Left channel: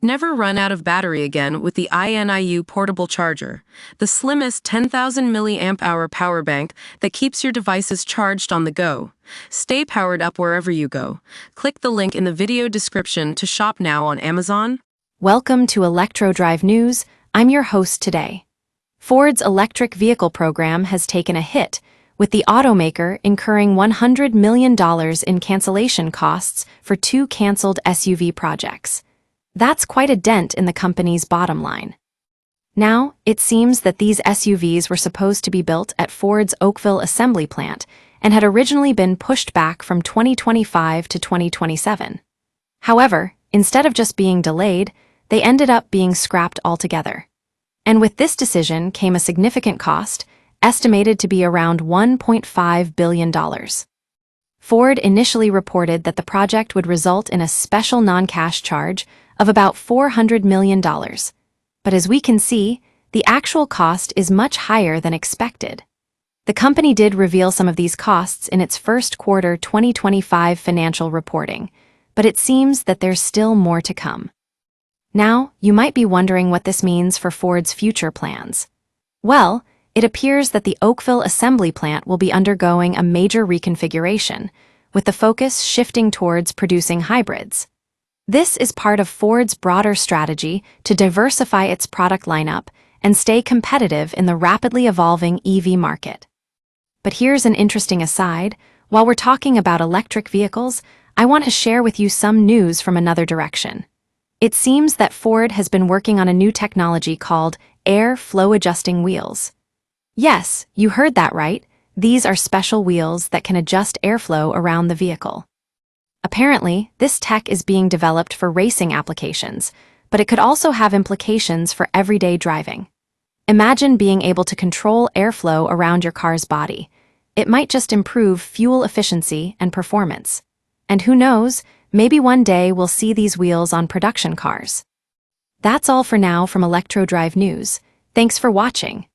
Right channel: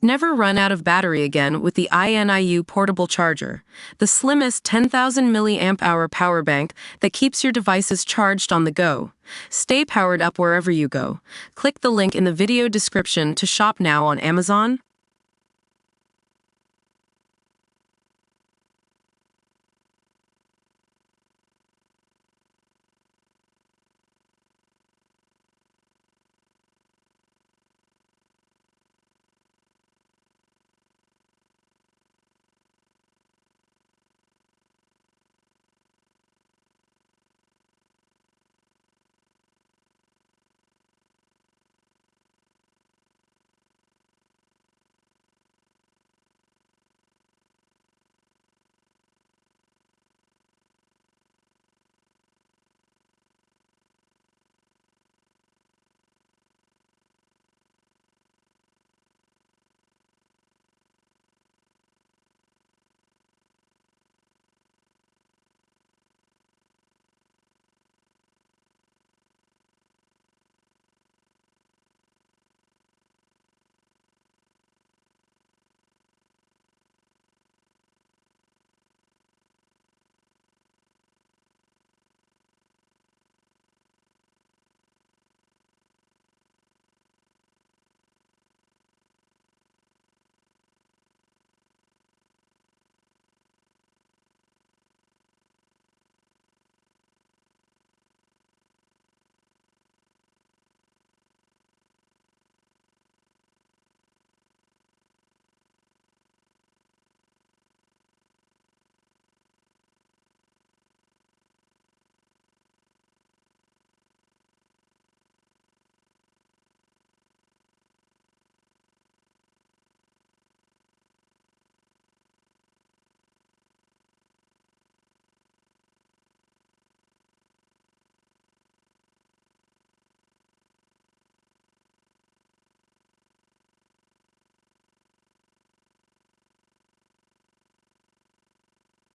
Never run out of battery again with the INIU portable charger, the slimmest 10,000 milliamp hour power bank that keeps your devices charged on the go. Stay powered up wherever you go. Click the link in the video description to shop now on Amazon. Welcome to ElectroDrive News. I'm your host today. Ford's electric vehicle program has taken a hit, with the automaker incurring $100 million in cancellation costs for 2 canceled SUV projects. That's quite a dent in the company's bottom line. Now, it seems that these SUVs were supposed to be built at Ford's Oakville assembly plant and had originally been pushed back from 2025 to 2027. However, instead of just being delayed, they ended up being scrapped altogether. And with this decision came a significant cost, estimated to be around $1.5 billion. Ford initially reported that the project would result in a special non-cash charge of about $400 million. But as we can see, the actual cost is much higher than expected. The company did reveal some of these costs in its first quarter 2025 financial reporting, but it seems that there's still more to come. Now, you might be wondering what this means for Ford's future plans. Well, it appears that the Oakville assembly plant will be undergoing a major reconfiguration, with the focus shifting towards producing hybrids. This is part of Ford's broader strategy to diversify its product lineup and stay competitive in the rapidly evolving EV market. But here's an interesting aside. While we're talking about electric vehicles, I want to share with you some news from another direction. It seems that Ford has been working on a new technology called air flow adjusting wheels. Yes, you heard that right. These are special wheels that can adjust airflow around the vehicle. Apparently, this tech is being developed for racing applications, but it could also have implications for everyday driving. Imagine being able to control airflow around your car's body. It might just improve fuel efficiency and performance. And who knows, maybe one day we'll see these wheels on production cars. That's all for now from ElectroDrive News. Thanks for watching.